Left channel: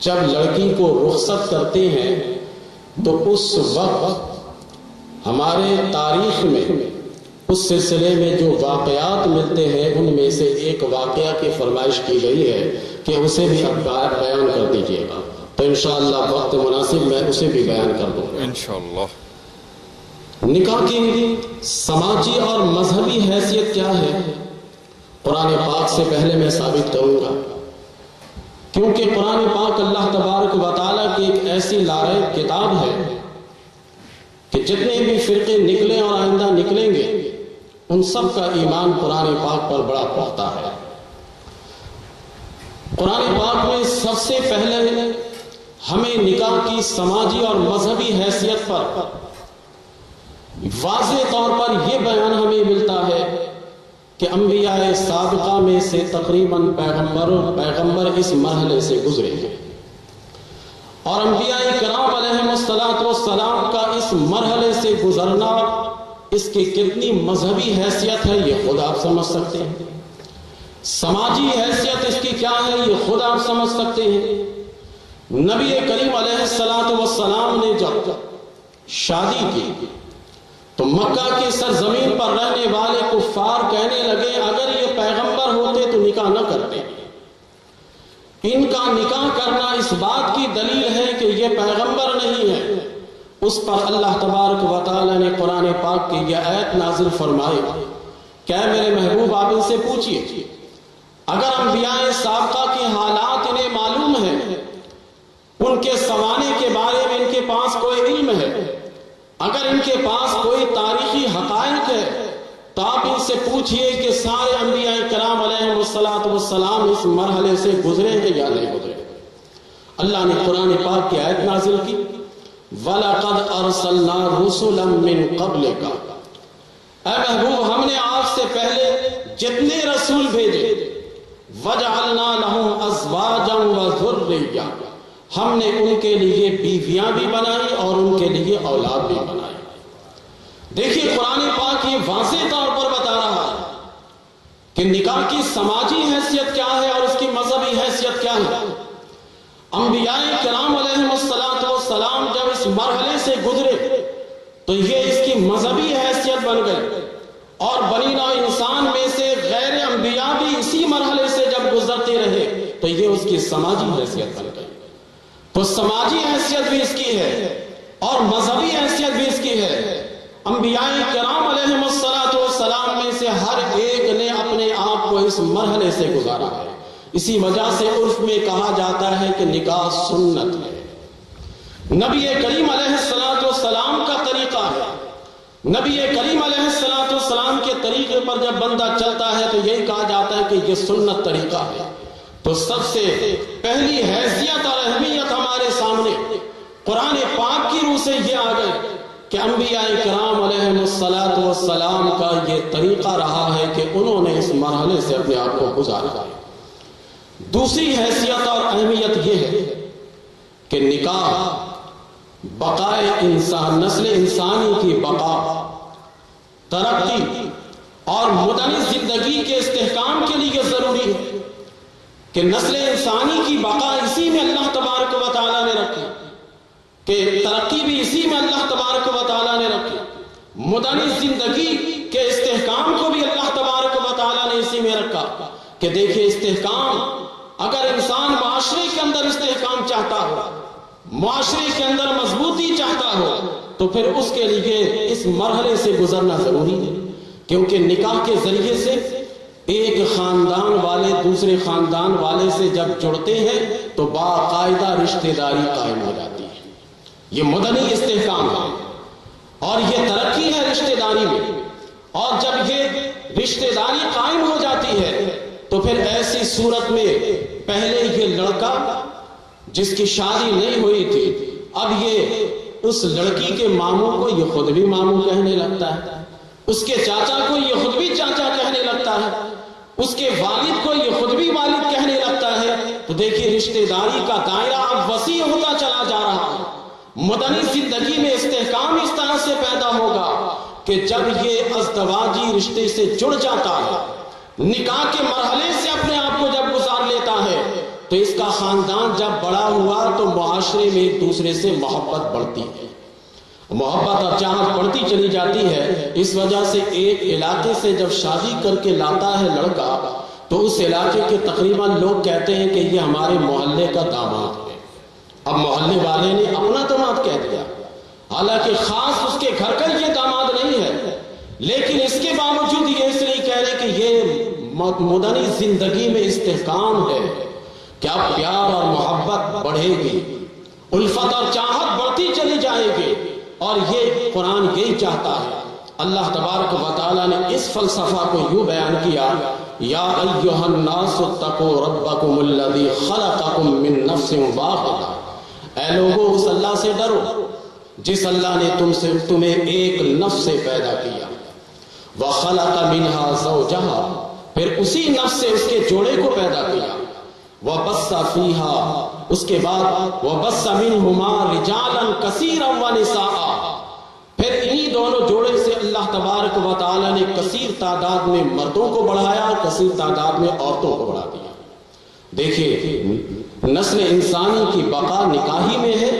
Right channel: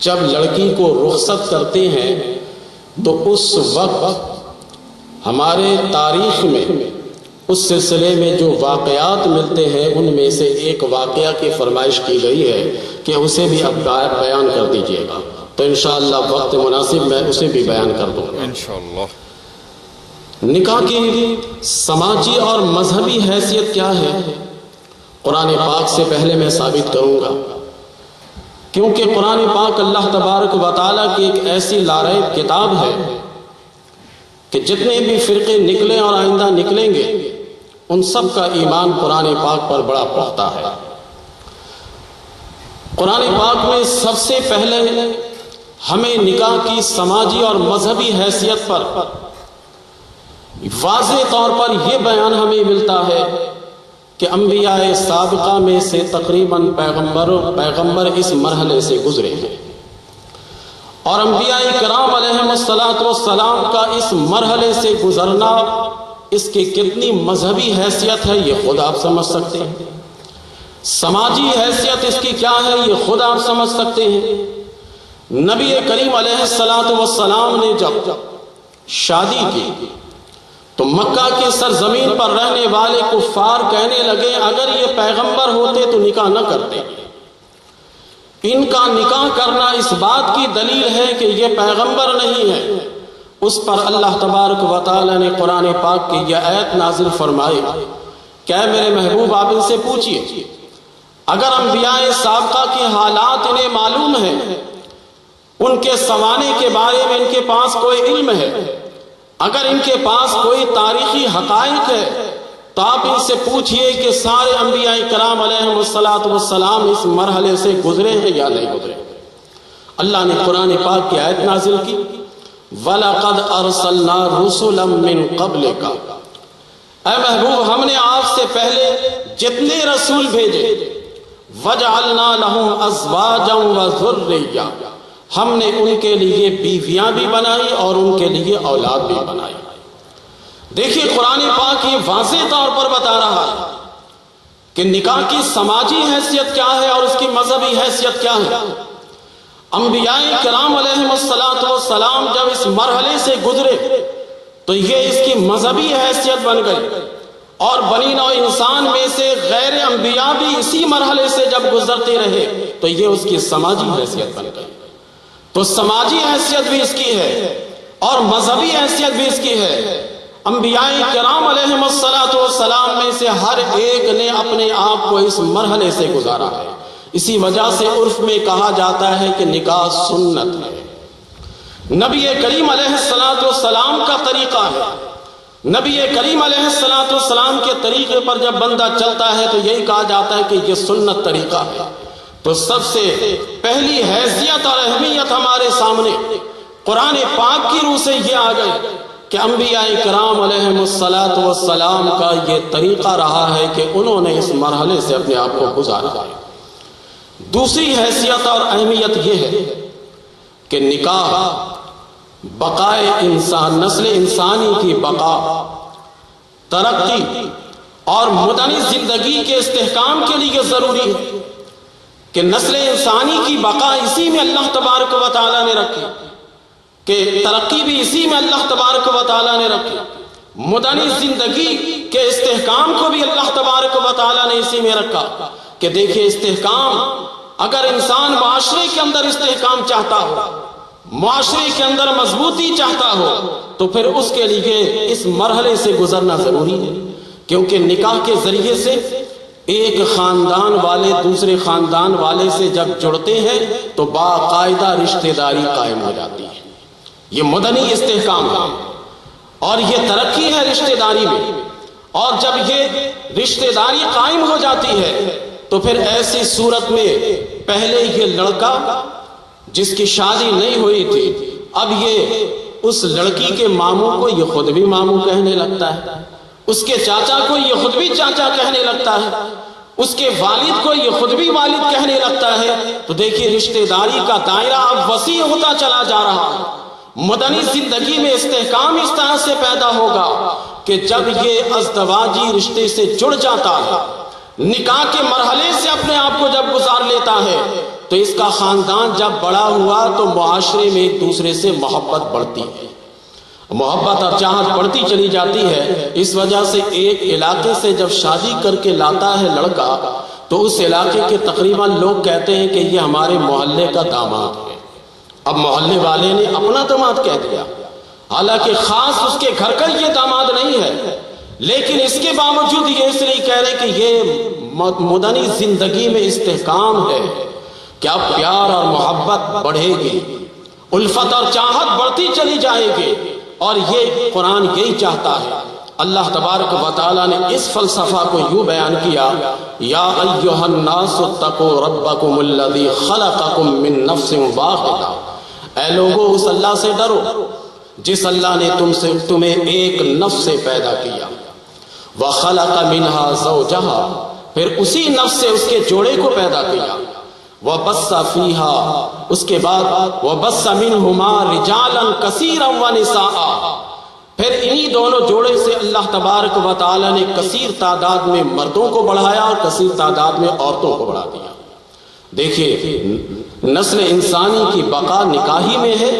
جب لڑکی کو رخصت کرتے ہیں تو اس وقت ہمارے تاریخ میں اس سلسلے میں جو واقعات ملتے ہیں ان میں سے ایک واقعہ کی فرمائش کی گئی ہے کہ اسے بھی اب بیان کر دیجیے گا، تو انشاءاللہ وقت مناسب میں اسے بھی بیان کر دوں گا انشاءاللہ۔ نکاح کی سماجی اور مذہبی حیثیت کیا ہے؟ قرآن پاک سے پہلے میں ثابت کروں گا، کیونکہ قرآن پاک اللہ تبارک و تعالیٰ کی ایک ایسی لاریب کتاب ہے کہ جتنے بھی فرقے نکلے اور آئندہ نکلیں گے ان سب کا ایمان قرآن پاک پر بڑا پختہ ہے۔ قرآن پاک میں سب سے پہلے ہمیں نکاح کی سماجی اور مذہبی حیثیت پر واضح طور پر یہ بیان ہمیں ملتا ہے کہ انبیاء سابقہ میں سے تقریباً پیغمبر اس مرحلے سے گزرے ہیں، اور انبیاء کرام علیہم السلام کا اس مرحلے سے گزرنا اس کی کتنی مذہبی حیثیت ہے یہ خود آپ سمجھ سکتے ہیں، سماجی حیثیت اس کی کیا ہے یہ خود آپ سمجھ سکتے ہیں۔ نبی کریم علیہ السلام نے جب شادی کی تو مکہ کی سرزمین پر رہنے والے کفار کہنے لگے اگر یہ پیغمبر ہوتے تو نکاح نہ کرتے، ان کا نکاح کرنا اس بات کی دلیل ہے کہ یہ پیغمبر نہیں ہے۔ اس پر اللہ تبارک و تعالی نے قرآن پاک کی یہ آیت نازل فرمائی کہ اے میرے محبوب آپ ان سے پوچھئے اگر انبیاء سابقہ کے حالات انہیں معلوم ہیں، ان کے زمانے کے بارے میں ان کے پاس کوئی علم ہے، اگر ان کے پاس کوئی تاریخی حقائق ہے تو آپ ان سے پوچھئے کہ سارے انبیاء کرام علیہم السلام اس مرحلے سے گزرے ہیں یا نہیں گزرے۔ اللہ نے قرآن پاک کی آیت نازل کی وَلَقَدْ أَرْسَلْنَا رُسُلًا مِّن قَبْلِكَ، اے محبوب ہم نے آپ سے پہلے جتنے رسول بھیجے وَجَعَلْنَا لَهُمْ أَزْوَاجًا وَذُرِّيَّةً، ہم نے ان کے لیے بیویاں بھی بنائی اور ان کے لیے اولاد بھی بنائی۔ دیکھیے قرآن پاک یہ واضح طور پر بتا رہا ہے کہ نکاح کی سماجی حیثیت کیا ہے اور اس کی مذہبی حیثیت کیا ہے۔ انبیاء کرام علیہم السلام جب اس مرحلے سے گزرے تو یہ اس کی مذہبی حیثیت بن گئی، اور بنی نوع انسان میں سے غیر انبیاء بھی اسی مرحلے سے جب گزرتے رہے تو یہ اس کی سماجی حیثیت بن گئی۔ تو سماجی حیثیت بھی اس کی ہے اور مذہبی حیثیت بھی اس کی ہے۔ انبیاء کرام علیہم السلام میں سے ہر ایک نے اپنے آپ کو اس مرحلے سے گزارا ہے، اسی وجہ سے عرف میں کہا جاتا ہے کہ نکاح سنت ہے، نبی کریم علیہ السلام کا طریقہ ہے۔ نبی کریم علیہ السلام کے طریقے پر جب بندہ چلتا ہے تو یہی کہا جاتا ہے کہ یہ سنت طریقہ ہے۔ تو سب سے پہلی حیثیت اور اہمیت ہمارے سامنے قرآن پاک کی روح سے یہ آ گئی کہ انبیاء کرام علیہم السلام کا یہ طریقہ رہا ہے کہ انہوں نے اس مرحلے سے اپنے آپ کو گزارا ہے۔ دوسری حیثیت اور اہمیت یہ ہے کہ نکاح بقائے انسان، نسل انسانی کی بقا، ترقی اور مدنی زندگی کے استحکام کے لیے ضروری ہے کہ نسل انسانی کی بقا اسی میں اللہ تبارک و تعالیٰ نے رکھی، کہ ترقی بھی اسی میں اللہ تبارک و تعالیٰ نے رکھی، مدنی زندگی کے استحکام کو بھی اللہ تبارک و تعالیٰ نے اسی میں رکھا کہ دیکھیں استحکام، اگر انسان معاشرے کے اندر استحکام چاہتا ہو، معاشرے کے اندر مضبوطی چاہتا ہو تو پھر اس کے لیے اس مرحلے سے گزرنا ضروری ہے، کیونکہ نکاح کے ذریعے سے ایک خاندان والے دوسرے خاندان والے سے جب جڑتے ہیں تو باقاعدہ رشتہ داری قائم ہو جاتی ہے۔ یہ مدنی استحکام ہے اور یہ ترقی ہے رشتہ داری میں، اور جب یہ رشتہ داری قائم ہو جاتی ہے تو پھر ایسی صورت میں پہلے یہ لڑکا جس کی شادی نہیں ہوئی تھی اب یہ اس لڑکی کے ماموں کو یہ خود بھی ماموں کہنے لگتا ہے، اس کے چاچا کو یہ خود بھی چاچا کہنے لگتا ہے، اس کے والد کو یہ خود بھی والد کہنے لگتا ہے۔ تو دیکھیے رشتہ داری کا دائرہ اب وسیع ہوتا چلا جا رہا ہے۔ مدنی زندگی میں استحکام اس طرح سے پیدا ہوگا کہ جب یہ ازدواجی رشتے سے جڑ جاتا ہے، نکاح کے مرحلے سے اپنے آپ کو جب گزار لیتا ہے تو اس کا خاندان جب بڑا ہوا تو معاشرے میں ایک دوسرے سے محبت بڑھتی ہے، محبت اور چاہت بڑھتی چلی جاتی ہے۔ اس وجہ سے ایک علاقے سے جب شادی کر کے لاتا ہے لڑکا تو اس علاقے کے تقریباً لوگ کہتے ہیں کہ یہ ہمارے محلے کا داماد ہے۔ اب محلے والے نے اپنا داماد کہہ دیا، حالانکہ خاص اس کے گھر کا یہ داماد نہیں ہے، لیکن اس کے باوجود یہ اس لیے کہہ رہے کہ یہ مدنی زندگی میں استحکام ہے کہ اب پیار اور محبت بڑھے گی، الفت اور چاہت بڑھتی چلی جائے گی، اور یہ قرآن یہی چاہتا ہے۔ اللہ تبارک و تعالیٰ نے اس فلسفہ کو یوں بیان کیا، یا ایھا الناس اتقوا ربکم الذی خلقکم من نفس واحدہ، اے لوگو اس اللہ سے ڈرو جس اللہ نے تمہیں ایک نفس سے پیدا کیا، وخلق منہا زوجہا، پھر اسی نفس سے اس کے جوڑے کو پیدا کیا، وبث فیہا، اس کے بعد وبث منہما رجالا کثیرا ونساء، پھر انہی دونوں جوڑے سے اللہ تبارک و تعالیٰ نے کثیر تعداد میں مردوں کو بڑھایا اور کثیر تعداد میں عورتوں کو بڑھا دیا۔ دیکھیے نسل انسانی کی بقا نکاحی میں ہے،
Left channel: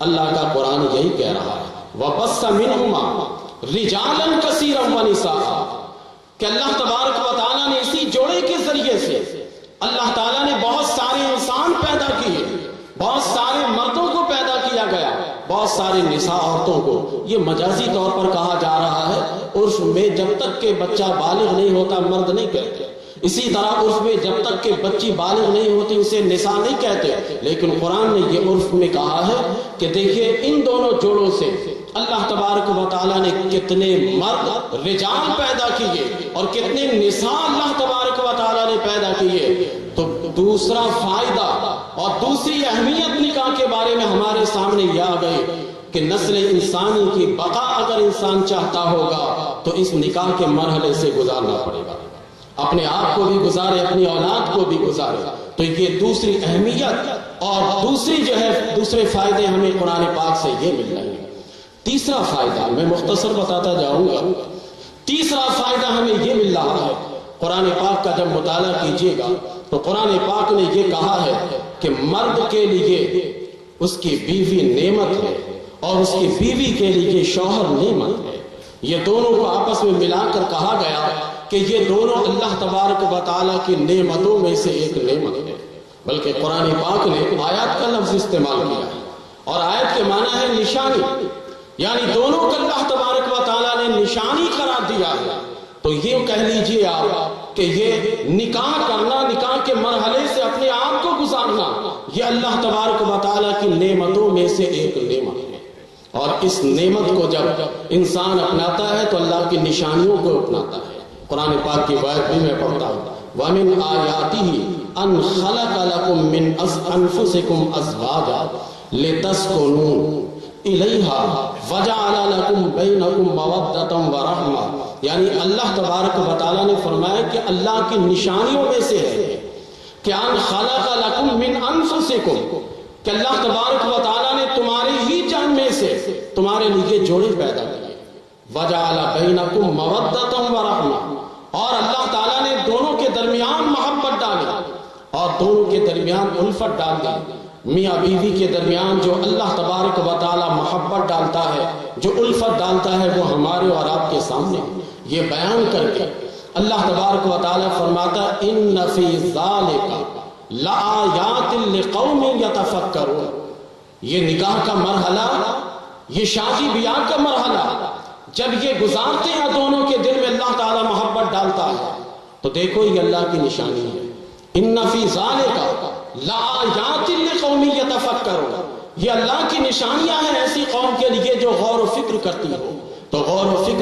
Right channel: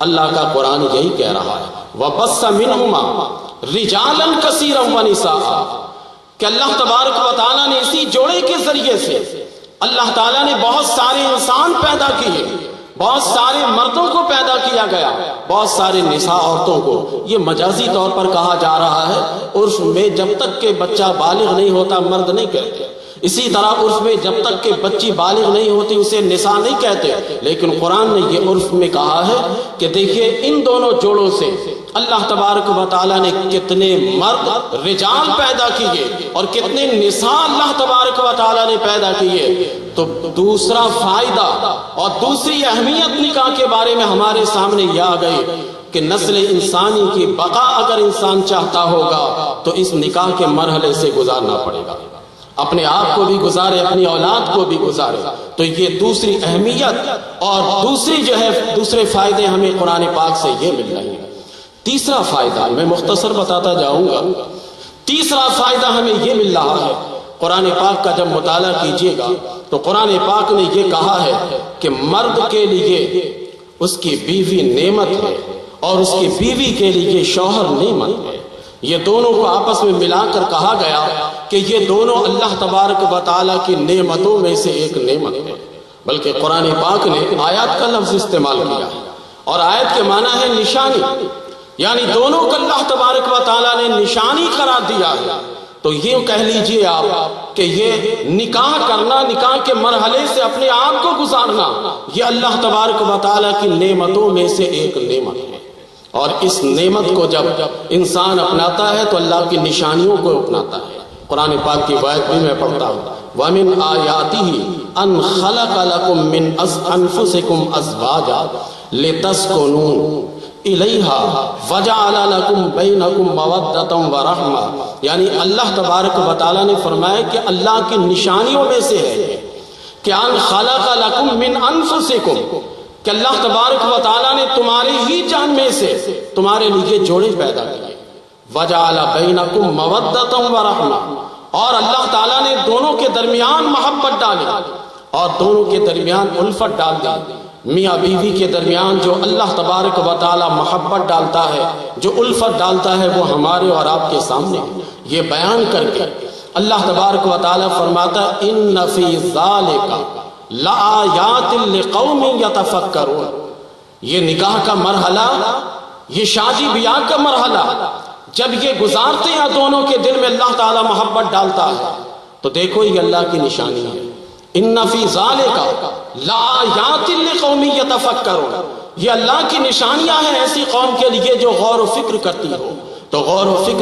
اللہ کا قرآن یہی کہہ رہا ہے، وَبَثَّ مِنْهُمَا رِجَالًا كَثِيرًا وَنِسَاءً، کہ اللہ تبارک و تعالیٰ نے اسی جوڑے کے ذریعے سے اللہ تعالیٰ نے بہت سارے انسان پیدا کیے، بہت سارے مردوں کو پیدا کیا گیا، بہت سارے نساء عورتوں کو۔ یہ مجازی طور پر کہا جا رہا ہے، عرف میں جب تک کہ بچہ بالغ نہیں ہوتا مرد نہیں کہتے، اسی طرح عرف میں جب تک کہ بچی بالغ نہیں ہوتی اسے نساء نہیں کہتے، لیکن قرآن نے یہ عرف میں کہا ہے کہ دیکھیے ان دونوں جوڑوں سے اللہ تبارک و تعالیٰ نے کتنے مرد رجال پیدا کیے اور کتنے نساء اللہ تبارک و تعالیٰ نے پیدا کیے۔ تو دوسرا فائدہ اور دوسری اہمیت نکاح کے بارے میں ہمارے سامنے یہ آ گئی کہ نسل انسانی کی بقا اگر انسان چاہتا ہوگا تو اس نکاح کے مرحلے سے گزارنا پڑے گا، اپنے آپ کو بھی گزارے، اپنی اولاد کو بھی گزارے۔ تو یہ دوسری اہمیت اور دوسرے فائدے ہمیں قرآن پاک سے یہ مل رہے ہیں۔ تیسرا فائدہ میں مختصر بتاتا جاؤں گا، تیسرا فائدہ ہمیں یہ مل رہا ہے، قرآن پاک کا جب مطالعہ کیجئے گا تو قرآن پاک نے یہ کہا ہے کہ مرد کے لیے اس کی بیوی نعمت ہے اور اس کی بیوی کے لیے شوہر نعمت ہے۔ یہ دونوں کو آپس میں ملا کر کہا گیا کہ یہ دونوں اللہ تبارک و تعالیٰ کی نعمتوں میں سے ایک نعمت ہے۔ بلکہ قرآن پاک نے آیات کا لفظ استعمال کیا اور آیت کے معنی ہے نشانی، یعنی دونوں کو اللہ تبارک و تعالیٰ نے نشانی قرار دیا ہے۔ تو یہ کہہ لیجئے آپ کہ یہ نکاح کرنا، نکاح کے مرحلے سے اپنے آپ کو گزارنا، یہ اللہ تبارک و تعالیٰ کی نعمتوں میں سے ایک نعمت ہے، اور اس نعمت کو جب انسان اپناتا ہے تو اللہ کی نشانیوں کو اپناتا ہے۔ قرآن پاک کی آیت بھی میں پڑھتا ہوں، وَمِنْ آيَاتِهِ أَنْ خَلَقَ لَكُم مِّنْ أَنفُسِكُمْ أَزْوَاجًا لِتَسْكُنُوا إِلَيْهَا وَجَعَلَ لَكُم بَيْنَكُم مَّوَدَّةً وَرَحْمَةً، یعنی اللہ تبارک و تعالیٰ نے فرمایا کہ اللہ کی نشانیوں میں سے ہے کہ أَنْ خَلَقَ لَكُم مِّنْ أَنفُسِكُمْ، کہ اللہ تبارک و تعالیٰ نے تمہاری ہی جان میں سے تمہارے لیے جوڑے پیدا کیے، وَجَعَلَ بَيْنَكُم مَّوَدَّةً وَرَحْمَةً، اور اللہ تعالیٰ نے دونوں کے درمیان محبت ڈالی اور دونوں کے درمیان الفت ڈال دی۔ میاں بیوی کے درمیان جو اللہ تبارک و تعالیٰ محبت ڈالتا ہے، جو الفت ڈالتا ہے، وہ ہمارے اور آپ کے سامنے یہ بیان کر کے اللہ تبارک و تعالیٰ فرماتا ہے إِنَّ فِي ذَلِكَ لَآيَاتٍ لِقَوْمٍ يَتَفَكَّرُونَ۔ یہ نکاح کا مرحلہ، یہ شادی بیاہ کا مرحلہ جب یہ گزارتے ہیں دونوں کے دل میں اللہ تعالیٰ محبت ڈالتا ہے تو دیکھو یہ اللہ کی نشانی ہے۔ ان فی ذالک لآیات لقوم یتفکرون، یہ اللہ کی نشانیاں ہیں ایسی قوم کے لیے جو غور و فکر کرتی ہو۔ تو غور و فکر